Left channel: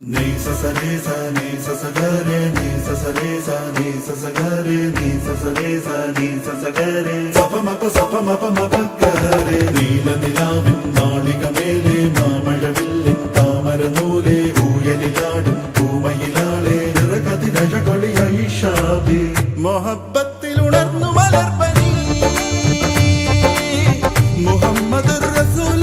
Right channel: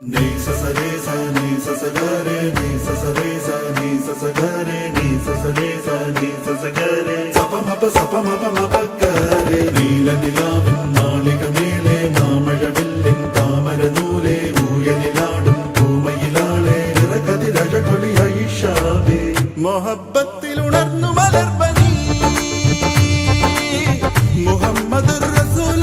Ni sa sa re sa ni sa sa ga re ni sa sa re sa ni sa sa ga re ni sa sa re sa ni sa sa ga re sa pa ma pa ga re നീല നിലാവിൻ മാളികമേലെ മാമഴവില്ലിൻ താമരനൂലെ ഊയലിലാടും പൂമയിലാളെ നിറകതിരഴകൊളിയായി ഷാബി മൊഹബത്തിൽ ഉണർന്നു മലർപനി മുഹമ്മദ് റസൂൽ